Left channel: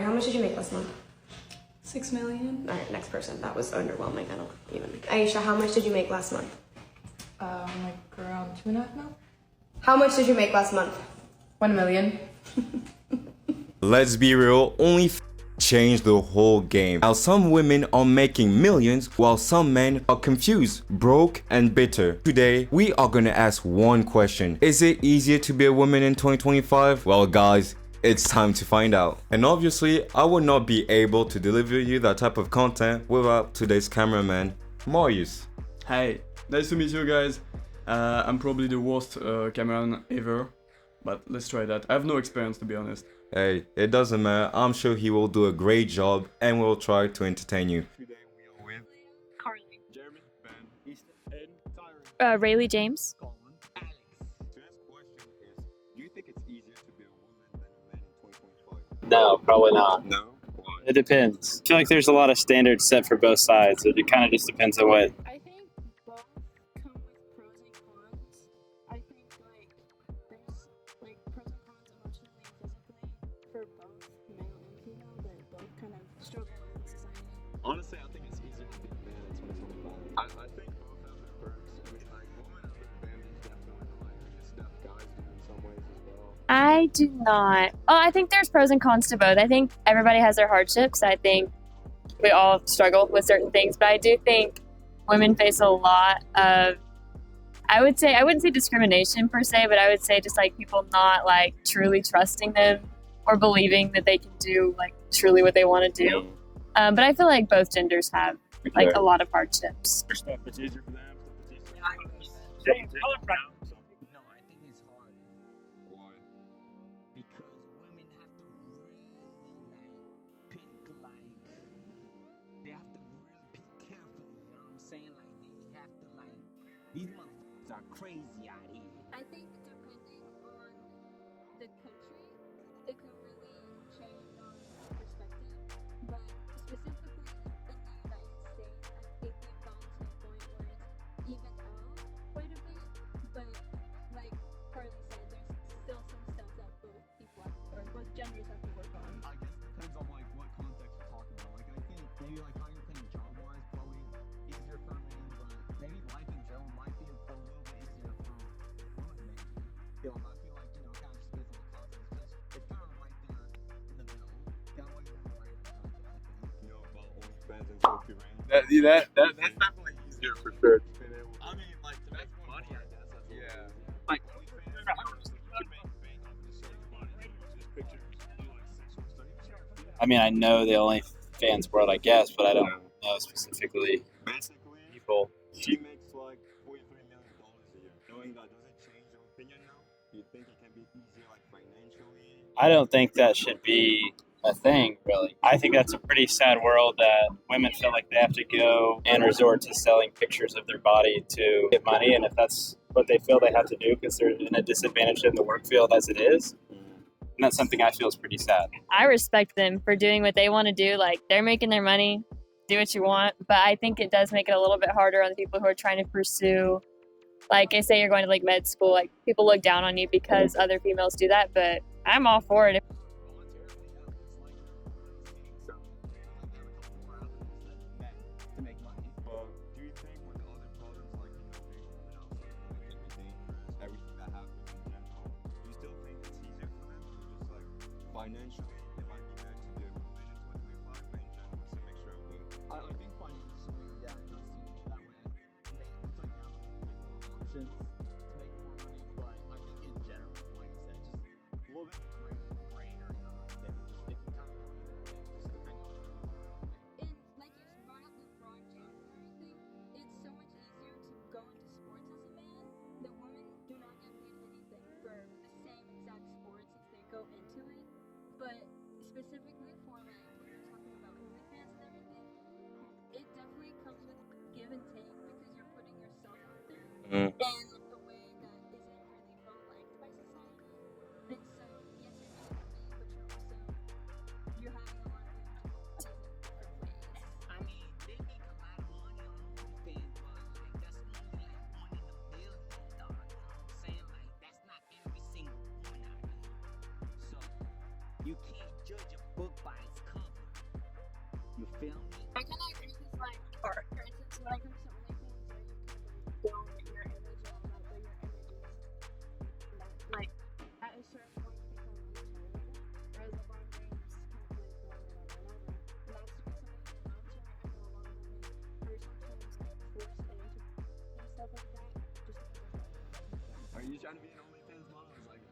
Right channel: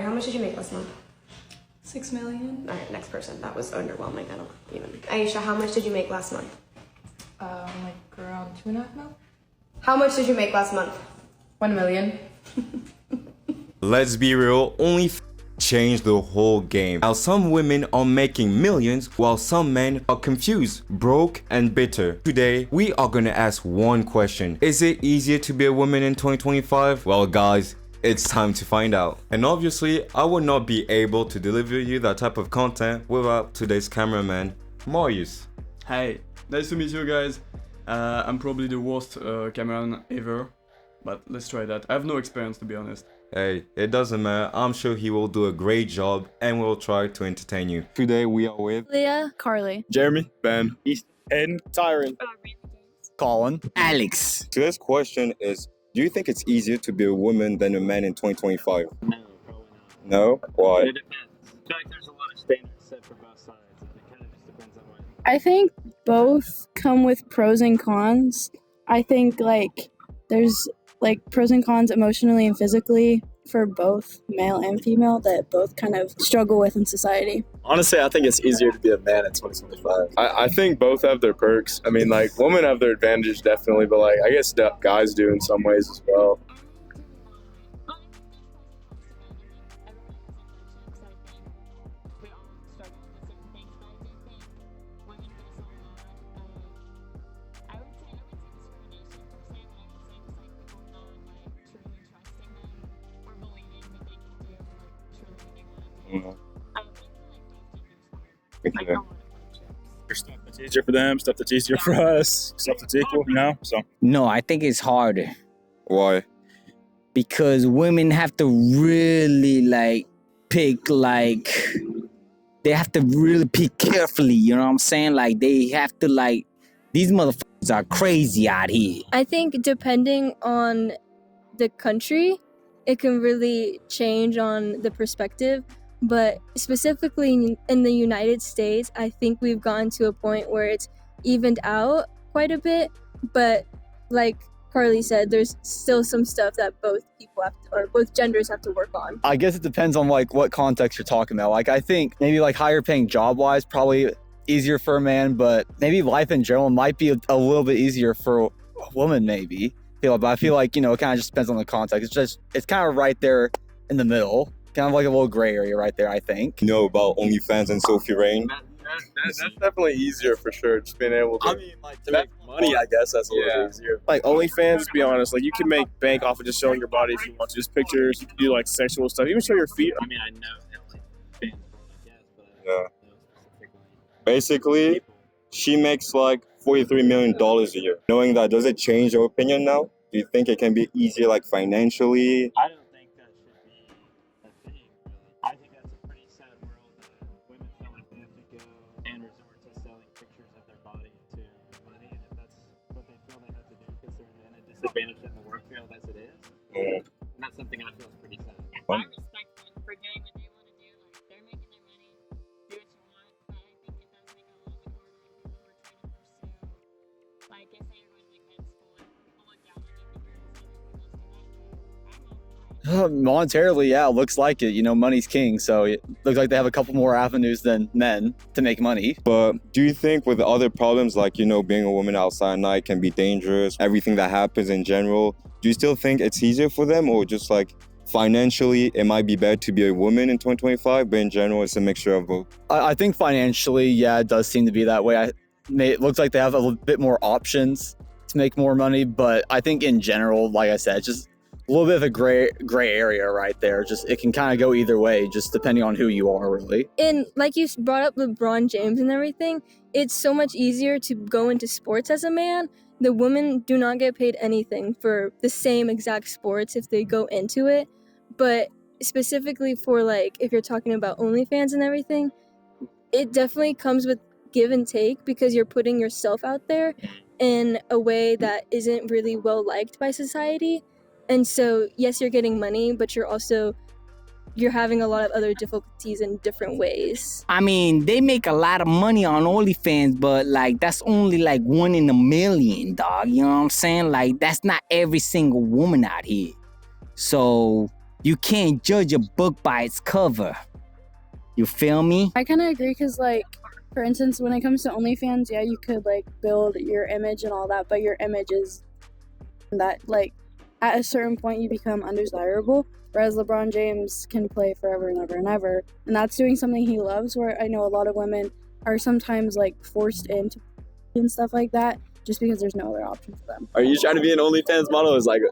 Carrie, how much did you make last month? 6 million. All right, next person. That was underwhelming. I don't even. Aisha, how much did you make last month? Like around 2.5 mil. How much did you make last month? 1 million. Let's be real, only changed the whole game. Now some women are making millions while some men are confused, broke and bitter. Today we are gonna ask one question. Is it easier to be a woman in 2025? Well guys, it's time to find out. And obviously I would not be able to deliver you that type of content without today's cameraman, Marius. Hi, nice to meet you guys. I'm probably the worst cameraman ever, but let's try that. I have no experience, to be honest. Hey, it doesn't matter. I'm sure he will do a great job and will try to entertain you. Today we are with Leah, Carly, Jeremy, Ben, East, Hayden, Tyron, Rayleigh James, Colin, Alex. Today's question is, do you think it's easier to be a woman than a man in 2025? No, probably not. No? Why? It depends. I feel like there's a lot of standards set for both sides. It kind of just depends on what. I think both come with pros and cons. I think there's pros and cons emotionally and physically for both male and female that both kind of struggle with in society. Honestly, I think it's easier to be a man in 2025. I think both have their perks. I mean, women have their advantage definitely, but I guess guys do in some ways as well. I do not. Oh, I think there's pros and cons to both. I think everybody has their hardships. I think we all struggle with certain things, but I do think women face a lot of, I wouldn't say discrimination per se, but I would say just people not truly trusting them or believing that they can do truly what they want to do. But I feel like both genders have a lot of hardships. There's stuff that's easier for them, stuff that's easier for us, stuff that's equal, So No, I think it's harder Why? because women have to really pick they have to really pick carefully, you know what I'm saying? They have to these motherfuckers are crazy out here. I think depending on the country, it can really change on the perspective. But specifically in the United States, I think we've gotten to a point where it's evened out quite a bit. But like Carly said, there's still some stuff that both people have to, or both genders have to work on. I guess it depends on what context you're talking about. I think maybe higher paying job wise, probably easier for a man, but maybe life in general might be a little bit easier for a woman maybe. But I feel it kind of just depends on the context. It's kind of right there in the middle. Kind of a little gray area right there, I think. You know about OnlyFans and Sophie Rain? That's definitely easier for sure. Just being able to. To make money, I guess that's a little bit easier. OnlyFans, to be honest, you can make bank off of just showing your body if you want to. Just pictures, you can do sexual stuff, even show your feet. I mean, I know the OnlyFans world, I guess, but I don't know specifically. Basically, People. she makes $43 million a year. Knowing that, does it change your opinion now? Do you think it can be easier financially? I don't think that should be a thing, really. I think that's a pretty sad world that women feel like they have to go and resort to selling pictures of their body to get money, and if that's what they feel they have to do because they're in a disadvantage in the work field as it is, and that's something I feel is pretty sad. I respect them for doing what they want to do. They're making their money, do what you want. But I think it does make it a little bit harder on the people who are trying to pursue, I say you're going to med school, people look down on you because other females do that, but I'm all for it. Monetarily, yeah, it looks like it. Money's king, so it looks like they have a couple more avenues than men to make money. But do you think with the other problems being a woman outside at night can be dangerous, everything that happens in general, do you still think it's easier for them, or just financially it might be better to be a woman in 2025, but in general it's a mixture of both? I think financially, yeah, it does seem to be that way. It looks like they have a little bit more options to make more money, but I think in general, like I said, it's just a little bit of a gray area right there. Just it can kind of go either way, just depending on who you are, really. And like you brought up LeBron James and everything, it's so much easier to go into sports as a man. The women do not get paid anything for the same exact sports if they go into it. But specifically for if you're talking about OnlyFans and everything, it definitely comes with give and take because you're putting yourself out there in a way that isn't really well liked by society. And so, yes, you're getting money, but you're having a lot of other difficulties in different ways. I mean, they make a lot of money on OnlyFans, but that's only 1 in a million, dog. You know what I'm saying? That's not every single woman out here. So You can't judge a book by its cover. You feel me? I kind of agree because, like, for instance, when it comes to OnlyFans, yeah, you could, like, build your image and all that, but your image is that, like, at a certain point you become undesirable, whereas LeBron James can play forever and ever and ever, and that's doing something he loves, where I know a lot of women are sometimes, like, forced into and stuff like that, just because there's no other option for them. Are you trying to be an OnlyFans model? Is that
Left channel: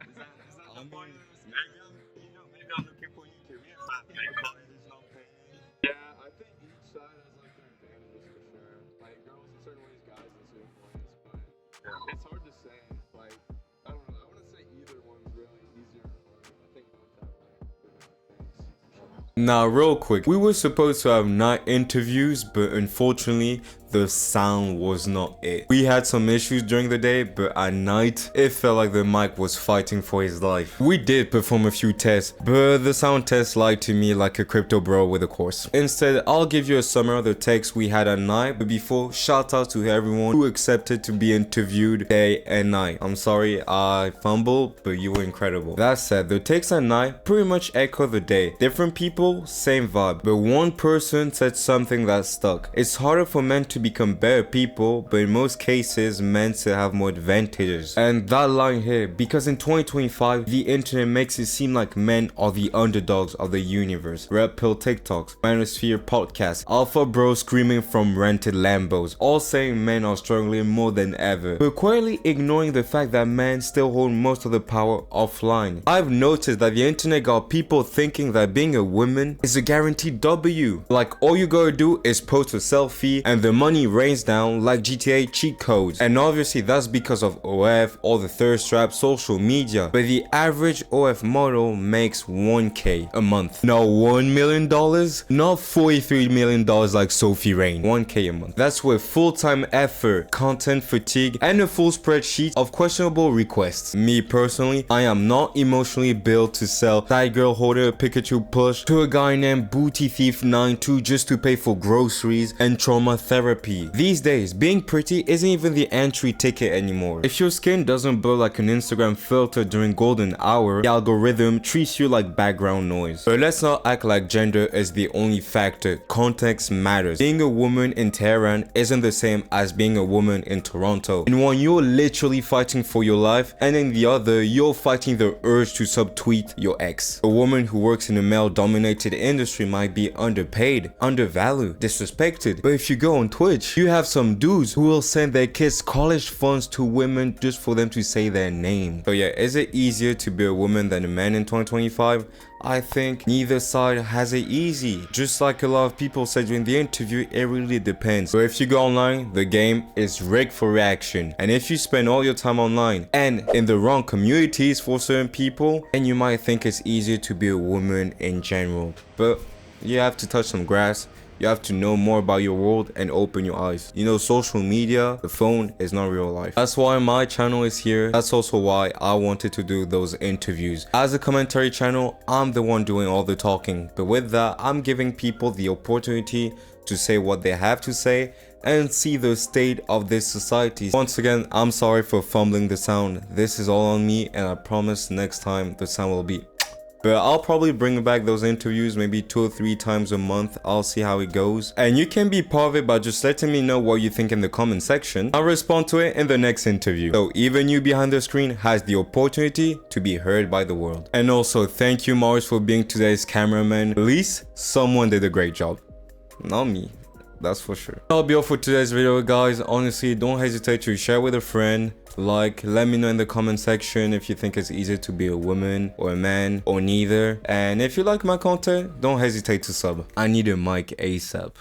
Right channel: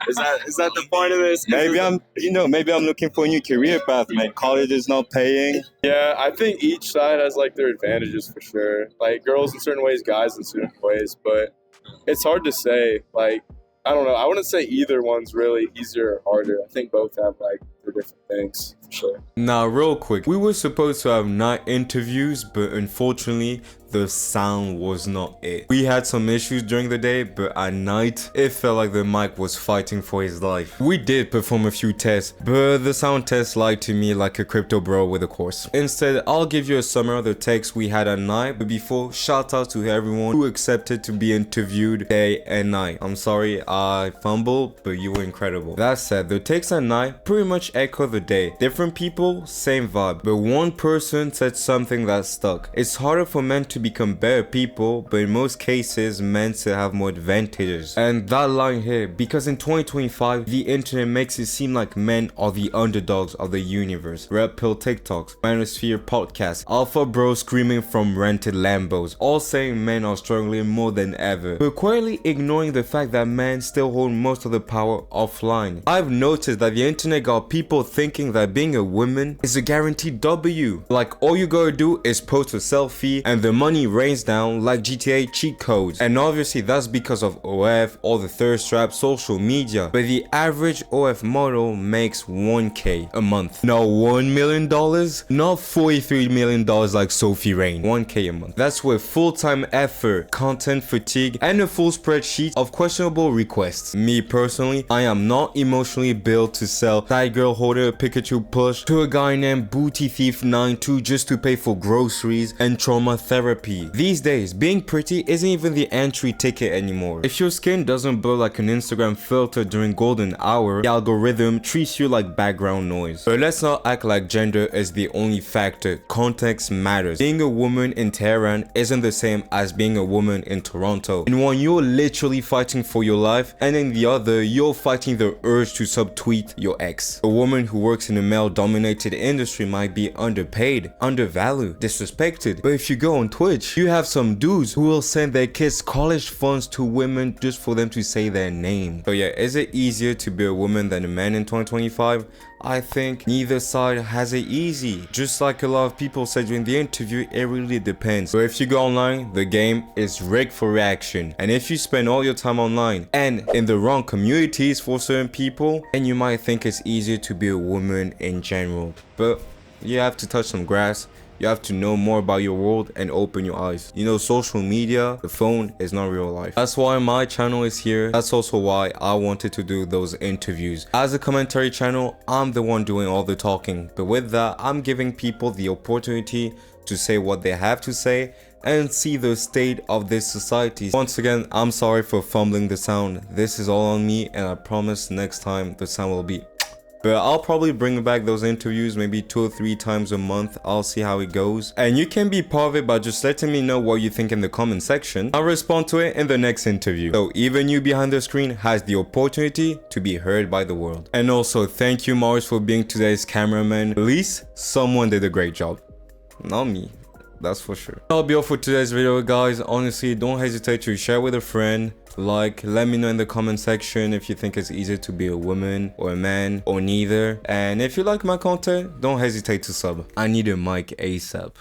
the point of this? Maybe I'm looking for a new career path, man. College is not paying. Yeah, I think each side has like their advantages for sure. Like girls in certain ways, guys in certain ways, but it's hard to say. Like, I don't know. I wouldn't say either one's really easier or harder. I think both have like their different things for sure. Now, real quick, we were supposed to have night interviews, but unfortunately, the sound was not it. We had some issues during the day, but at night, it felt like the mic was fighting for his life. We did perform a few tests, but the sound test lied to me like a crypto bro with a course. Instead, I'll give you a summary of the takes we had at night, but before, shout out to everyone who accepted to be interviewed day and night. I'm sorry I fumbled, but you were incredible. That said, the takes at night pretty much echo the day. Different people, same vibe, but one person said something that stuck. It's harder for men to become better people, but in most cases men still have more advantages. And that line here, because in 2025 the internet makes it seem like men are the underdogs of the universe. Red Pill TikToks, Manosphere podcasts, Alpha Bros screaming from rented Lambos, all saying men are struggling more than ever, but quietly ignoring the fact that men still hold most of the power offline. I've noticed that the internet got people thinking that being a woman is a guaranteed W. Like all you gotta do is post a selfie and the money rains down like GTA cheat codes. And obviously that's because of OF, all the thirst trap, social media. But the average OF model makes 1K a month. Not $1 million, not $43 million like Sophie Rain. 1K a month. That's with full-time effort, content fatigue, and a full spreadsheet of questionable requests. Me personally, I am not emotionally built to sell Side Girl Holder Pikachu plush to a guy named Booty Thief 92 just to pay for groceries and trauma therapy. These days, being pretty isn't even the entry ticket anymore. If your skin doesn't blow like an Instagram filter during golden hour, the algorithm treats you like background noise. But let's not act like gender is the only factor. Context matters. Being a woman in Tehran isn't the same as being a woman in Toronto. In one, you're literally fighting for your life, and in the other, you're fighting the urge to subtweet your ex. A woman who works in a male-dominated industry might be underpaid, undervalued, disrespected, but if you go on Twitch, you have some dudes who will send their kids college funds to women just for them to say their name. So yeah, is it easier to be a woman than a man in 2025? I think neither side has it easy. Just like a lot of people said during the interview, it really depends. So if you go online, the game is rigged for reaction. And if you spend all your time online and in the wrong communities for certain people, then you might think it's easier to be a woman in general. But you have to touch some grass. You have to know more about your world and open your eyes. You know, social media, the phone is not real life. That's why my channel is here. That's also why I wanted to do those interviews. As a commentary channel, I'm the one doing all the talking. But with that, I'm giving people the opportunity to say what they have to say and see the state of this society. Once again, I'm sorry for fumbling the sound. This is all on me, and I promise next time the sound will be. But I'll probably bring back those interviews maybe 2 or 3 times a month. I'll see how it goes. And you can be part of it by just letting me know what you think in the comment section. I'll respond to it in the next interview. So even you behind the screen has the opportunity to be heard by the world. And also thank you Morris for being today's cameraman. At least someone did a great job. Not me. That's for sure. That'll be all for today's video, guys. Honestly, don't hesitate to share with a friend. Like, let me know in the comment section if you think it's easier to be a woman or a man or neither. And if you like my content, don't hesitate to sub. I need a mic ASAP.